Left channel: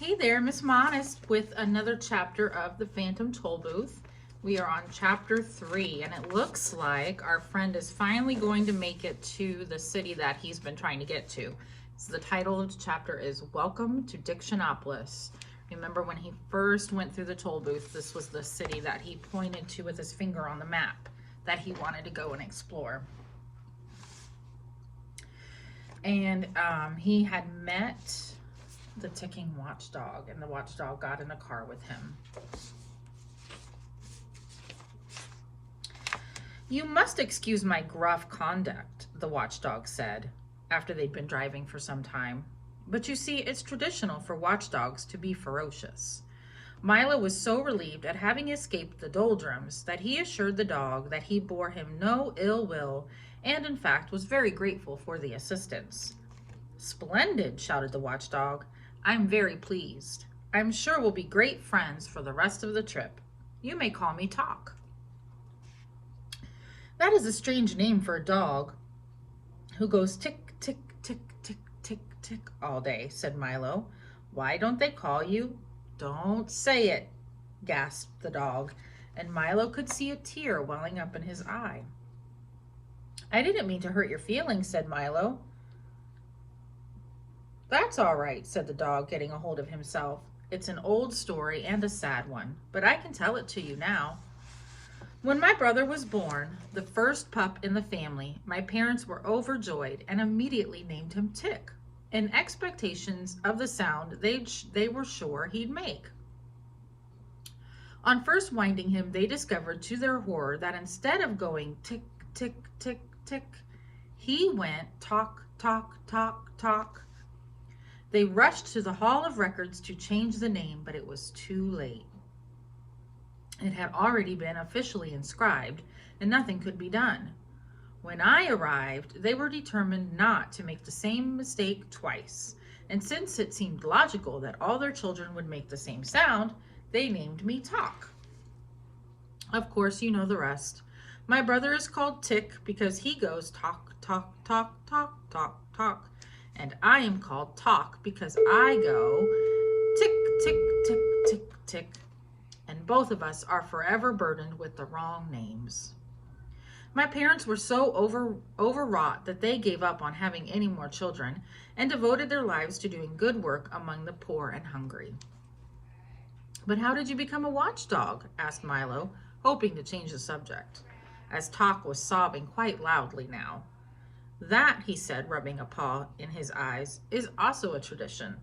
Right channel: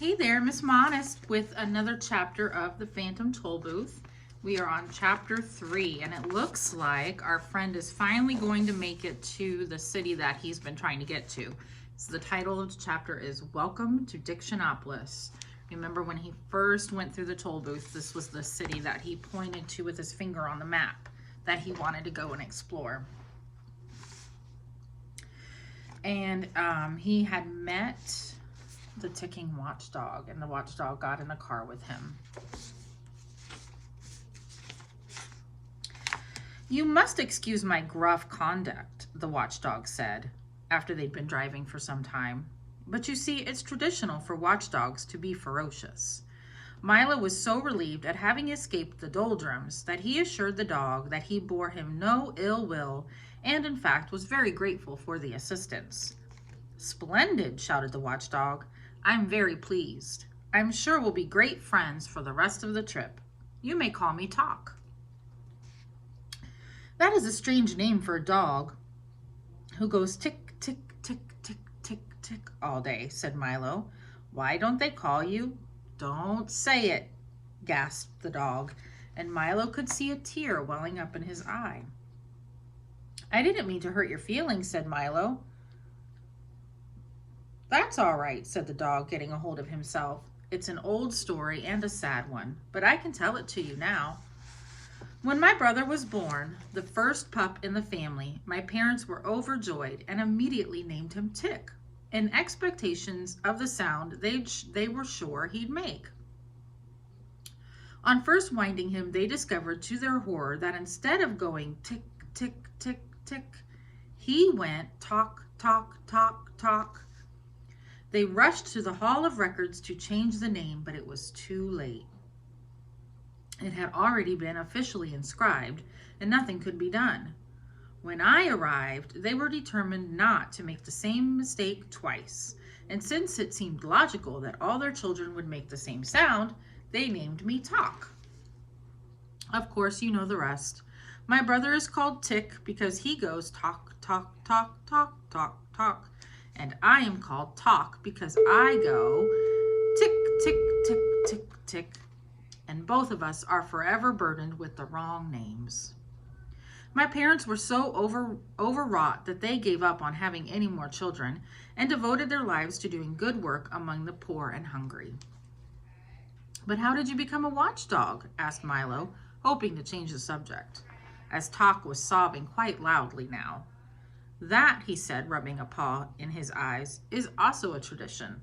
Hey there, Miss Modest with another chapter of the Phantom Tollbooth. We are on chapter 3, and it looks like our friend is finally going to make it to the city that he's been trying to get to. So the title of the chapter is Welcome to Dictionopolis. Remember when he first went through the Tollbooth, this was the city that he pointed to with his finger on the map that he wanted to go and explore. And he had met the ticking watchdog, and the watchdog got in the car with him. "You must excuse my gruff conduct," the watchdog said, after they'd been driving for some time. "But you see, it's traditional for watchdogs to be ferocious." Milo was so relieved at having escaped the doldrums that he assured the dog that he bore him no ill will, and in fact was very grateful for the assistance. "Splendid," shouted the watchdog. "I'm very pleased. I'm sure we'll be great friends for the rest of the trip. You may call me Talk." "That is a strange name for a dog who goes tick, tick, tick, tick, tick, tick all day," said Milo. "Why don't they call you—" "Don't say it," gasped the dog, and Milo could see a tear welling up in his eye. "I didn't mean to hurt your feelings," said Milo. "That's all right," said the dog, getting a hold of himself. "It's an old story and a sad one, but I can tell it to you now. When my brother was born, the first pup in the family, my parents were overjoyed and immediately named him Tick, in expectations of the sound they were sure he'd make. On first winding him, they discovered to their horror that instead of going tick, tick, tick, tick, he went talk, talk, talk, talk. They rushed to the Hall of Records to change the name, but it was too late. It had already been officially inscribed, and nothing could be done. When I arrived, they were determined not to make the same mistake twice, and since it seemed logical that all their children would make the same sound, they named me Talk. Of course, you know the rest. My brother is called Tick because he goes talk, talk, talk, talk, talk, talk. And I am called Talk because I go tick, tick, tick, tick, tick. And both of us are forever burdened with the wrong names. My parents were so overwrought that they gave up on having any more children and devoted their lives to doing good work among the poor and hungry." "But how did you become a watchdog?" asked Milo, hoping to change the subject, as Talk was sobbing quite loudly now. "That," he said, rubbing a paw in his eyes, "is also a tradition.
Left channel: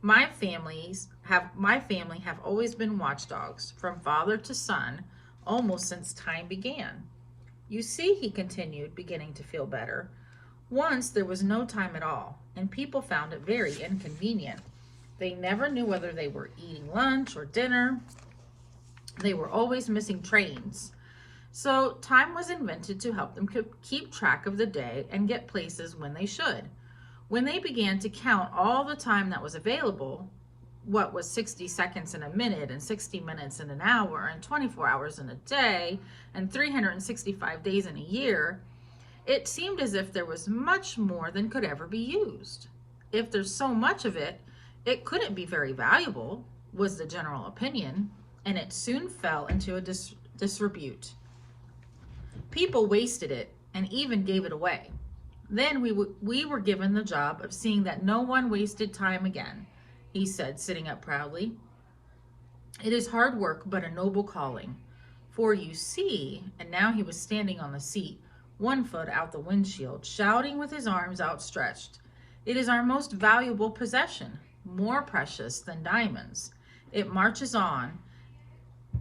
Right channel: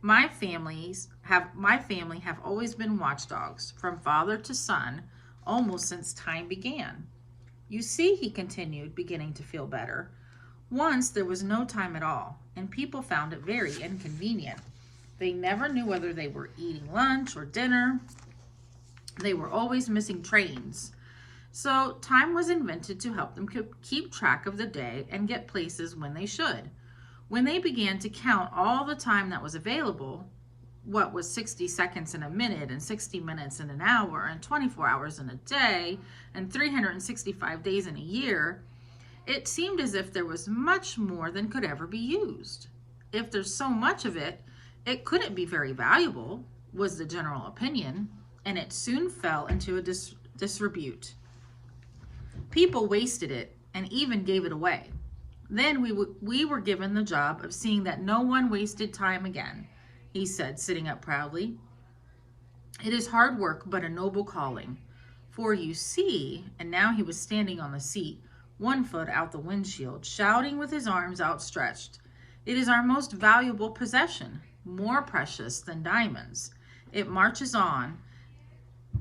My family have always been watchdogs, from father to son, almost since time began. You see," he continued, beginning to feel better, "once there was no time at all, and people found it very inconvenient. They never knew whether they were eating lunch or dinner. They were always missing trains. So time was invented to help them keep track of the day and get places when they should. When they began to count all the time that was available, what was 60 seconds in a minute and 60 minutes in an hour and 24 hours in a day and 365 days in a year, it seemed as if there was much more than could ever be used. If there's so much of it, it couldn't be very valuable, was the general opinion, and it soon fell into a disrepute. People wasted it and even gave it away. Then we were given the job of seeing that no one wasted time again," he said, sitting up proudly. "It is hard work, but a noble calling. For you see," and now he was standing on the seat, one foot out the windshield, shouting with his arms outstretched, "it is our most valuable possession, more precious than diamonds. It marches on,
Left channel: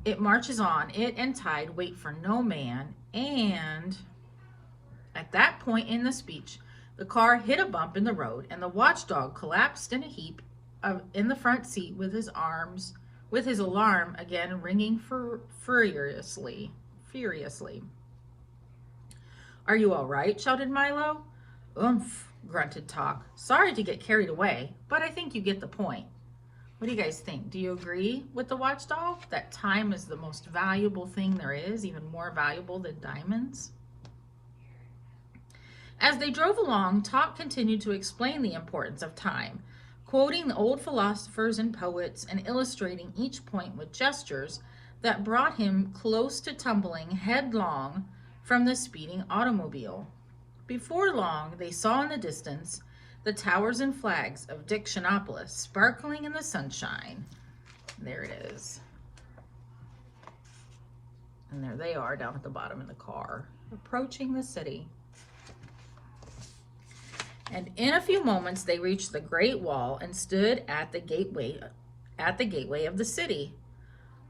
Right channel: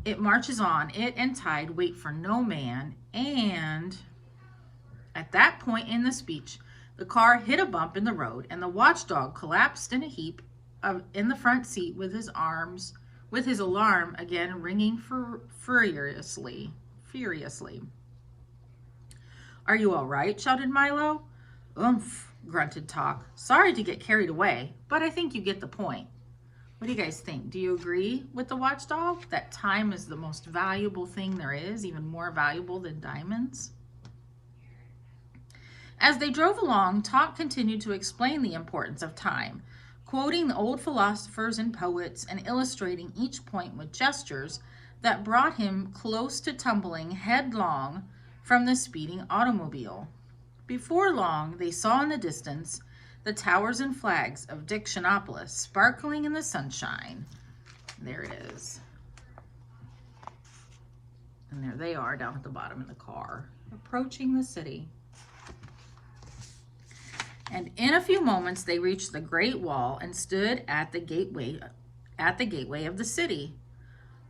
it and tide wait for no man, and—" At that point in the speech, the car hit a bump in the road, and the watchdog collapsed in a heap in the front seat with his alarm again ringing furiously. "Are you all right?" shouted Milo. "Oomph," grunted Talk. "Sorry to get carried away, but I think you get the point. What do you guys think? Do you agree with the watchdog that time is the most valuable thing there is, even more valuable than diamonds?" As they drove along, Talk continued to explain the importance of time, quoting the old philosophers and poets and illustrating each point with gestures that brought him close to tumbling headlong from the speeding automobile. Before long, they saw in the distance the towers and flags of Dictionopolis sparkling in the sunshine. There it is. And there they are down at the bottom in the car, approaching the city. And in a few moments, they reached the Great Wall and stood at the gateway of the city.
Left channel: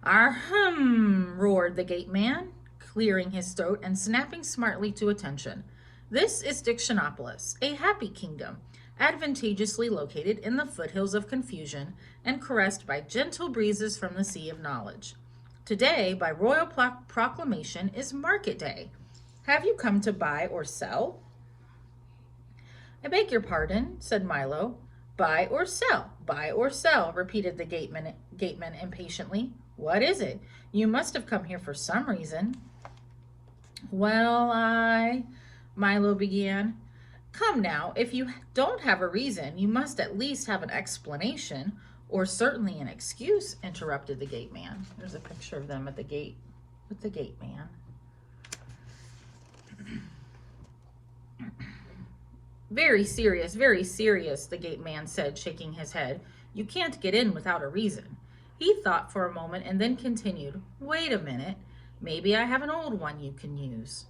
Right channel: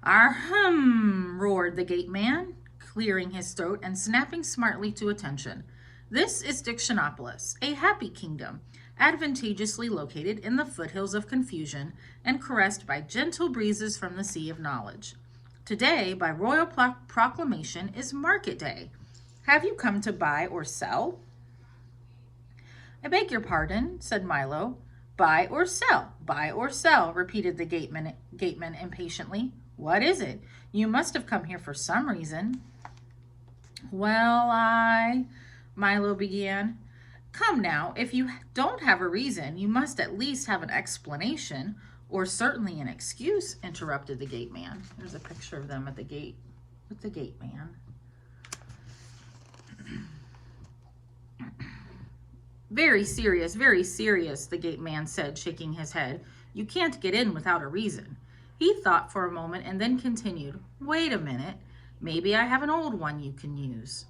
"Ahem," roared the gateman, clearing his throat and snapping smartly to attention. "This is Dictionopolis, a happy kingdom, advantageously located in the foothills of confusion and caressed by gentle breezes from the sea of knowledge. Today, by royal proclamation, is market day. Have you come to buy or sell?" "I beg your pardon," said Milo. "Buy or sell, buy or sell," repeated the gateman impatiently. "What is it? You must have come here for some reason." "Well, Milo began. "Come now, if you don't have a reason, you must at least have an explanation, or certainly an excuse," interrupted the gateman. There's a picture of them at the gate with the gateman. Very serious, the gateman said, shaking his head. "You can't get in without a reason." He thought for a moment and then continued, "Wait a minute. Maybe I have an old one you can use."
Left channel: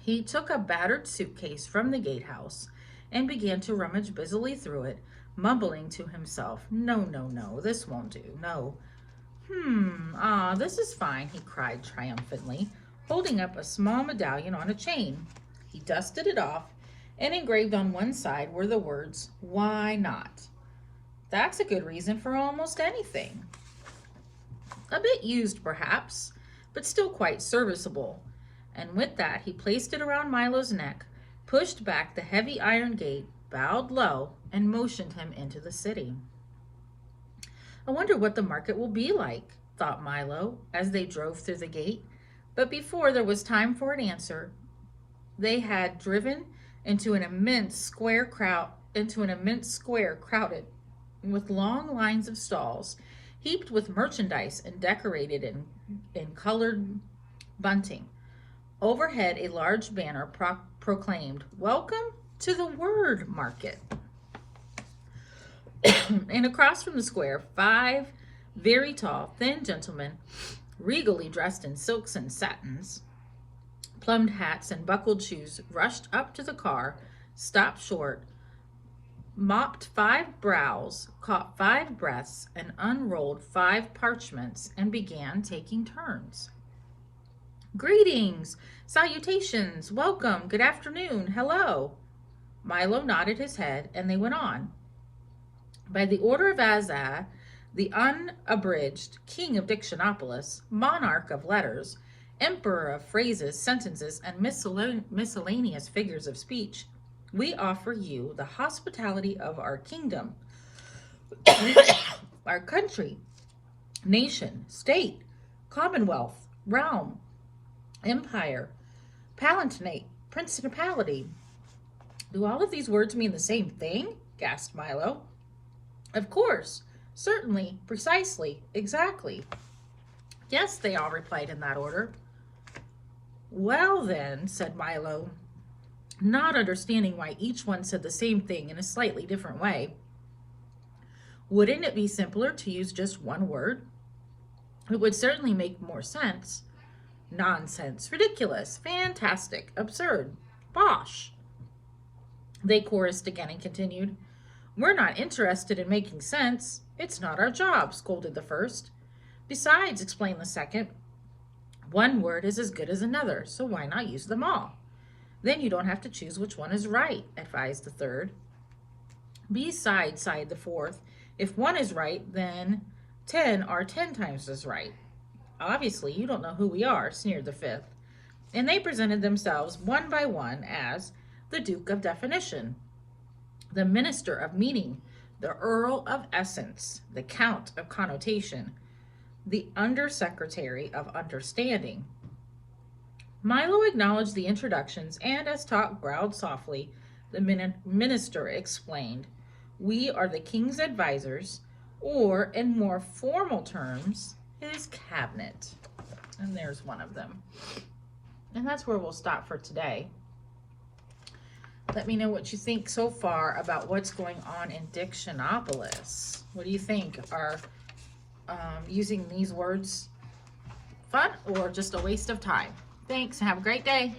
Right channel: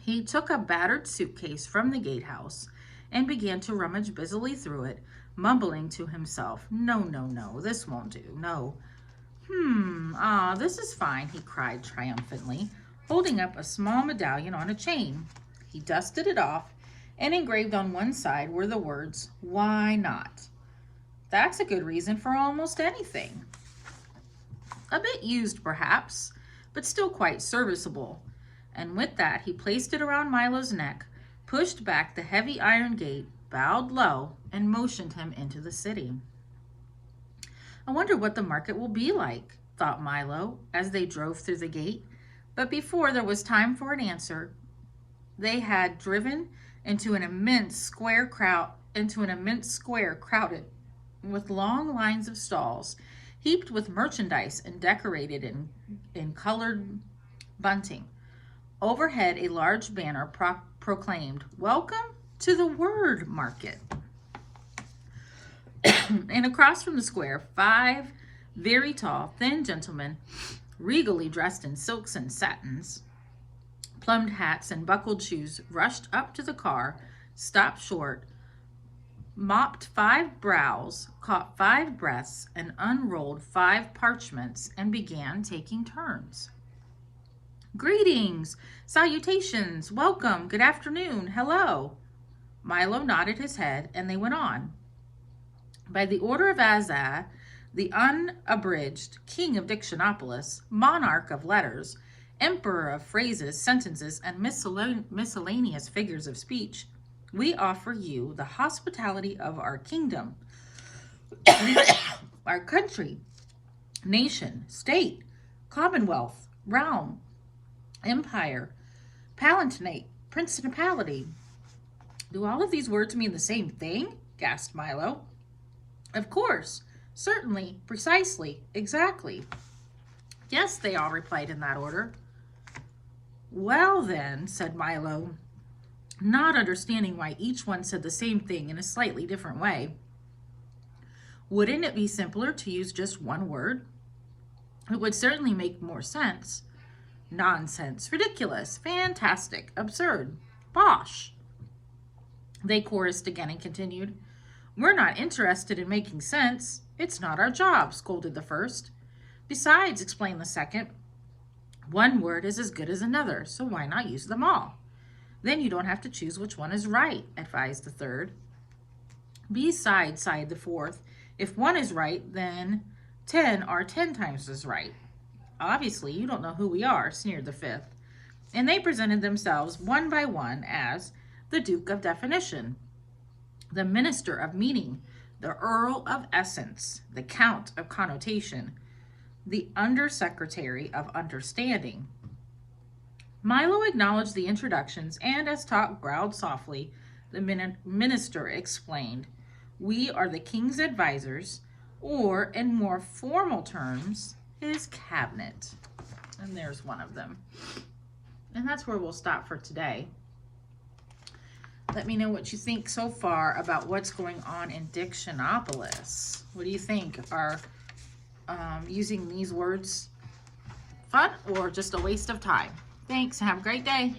He took a battered suitcase from the gatehouse and began to rummage busily through it, mumbling to himself, No, this won't do, no. This is fine," he cried triumphantly, holding up a small medallion on a chain. He dusted it off, and engraved on one side were the words, "Why not?" That's a good reason for almost anything. A bit used, perhaps, but still quite serviceable. And with that, he placed it around Milo's neck, pushed back the heavy iron gate, bowed low, and motioned him into the city. "I wonder what the market will be like," thought Milo, as they drove through the gate. But before there was time for an answer, they had driven into an immense square crowded with long lines of stalls, heaped with merchandise and decorated in colored bunting. Overhead, a large banner proclaimed, "Welcome to the Word Market." And across from the square, 5 very tall, thin gentlemen, regally dressed in silks and satins, plumed hats and buckled shoes, rushed up to the car, stopped short, mopped 5 brows, caught 5 breaths, and unrolled 5 parchments, and began taking turns. "Greetings, salutations, welcome, good afternoon, hello." Milo nodded his head, and they went on. By the order of Azaz, the unabridged king of Dictionopolis, monarch of letters, emperor of phrases, sentences, and miscellaneous figures of speech, we offer you the hospitality of our kingdom, our country, nation, state, commonwealth, realm, empire, palatinate, principality. "Do all of these words mean the same thing?" gasped Milo. "Of course, certainly, precisely, exactly." "Yes," they all replied in that order. "Well then," said Milo, not understanding why each one said the same thing in a slightly different way, "wouldn't it be simpler to use just one word? It would certainly make more sense." "Nonsense, ridiculous, fantastic, absurd, bosh," they chorused again and continued. "We're not interested in making sense. It's not our job," scolded the first. "Besides," explained the second, "one word is as good as another, so why not use them all? Then you don't have to choose which one is right," advised the third. "Besides," sighed the fourth, "if one is right, then 10 are 10 times as right." "Obviously, you don't know who we are," sneered the fifth. And they presented themselves one by one as the Duke of Definition, the Minister of Meaning, the Earl of Essence, the Count of Connotation, the Undersecretary of Understanding. Milo acknowledged the introductions, and as Tot growled softly, the minister explained, We are the king's advisors, or in more formal terms, his cabinet. And there's one of them. And that's where we'll stop for today. Let me know what you think so far about what's going on in Dictionopolis. What do you think? Are using these words fun or just a waste of time? Thanks. Have a great day.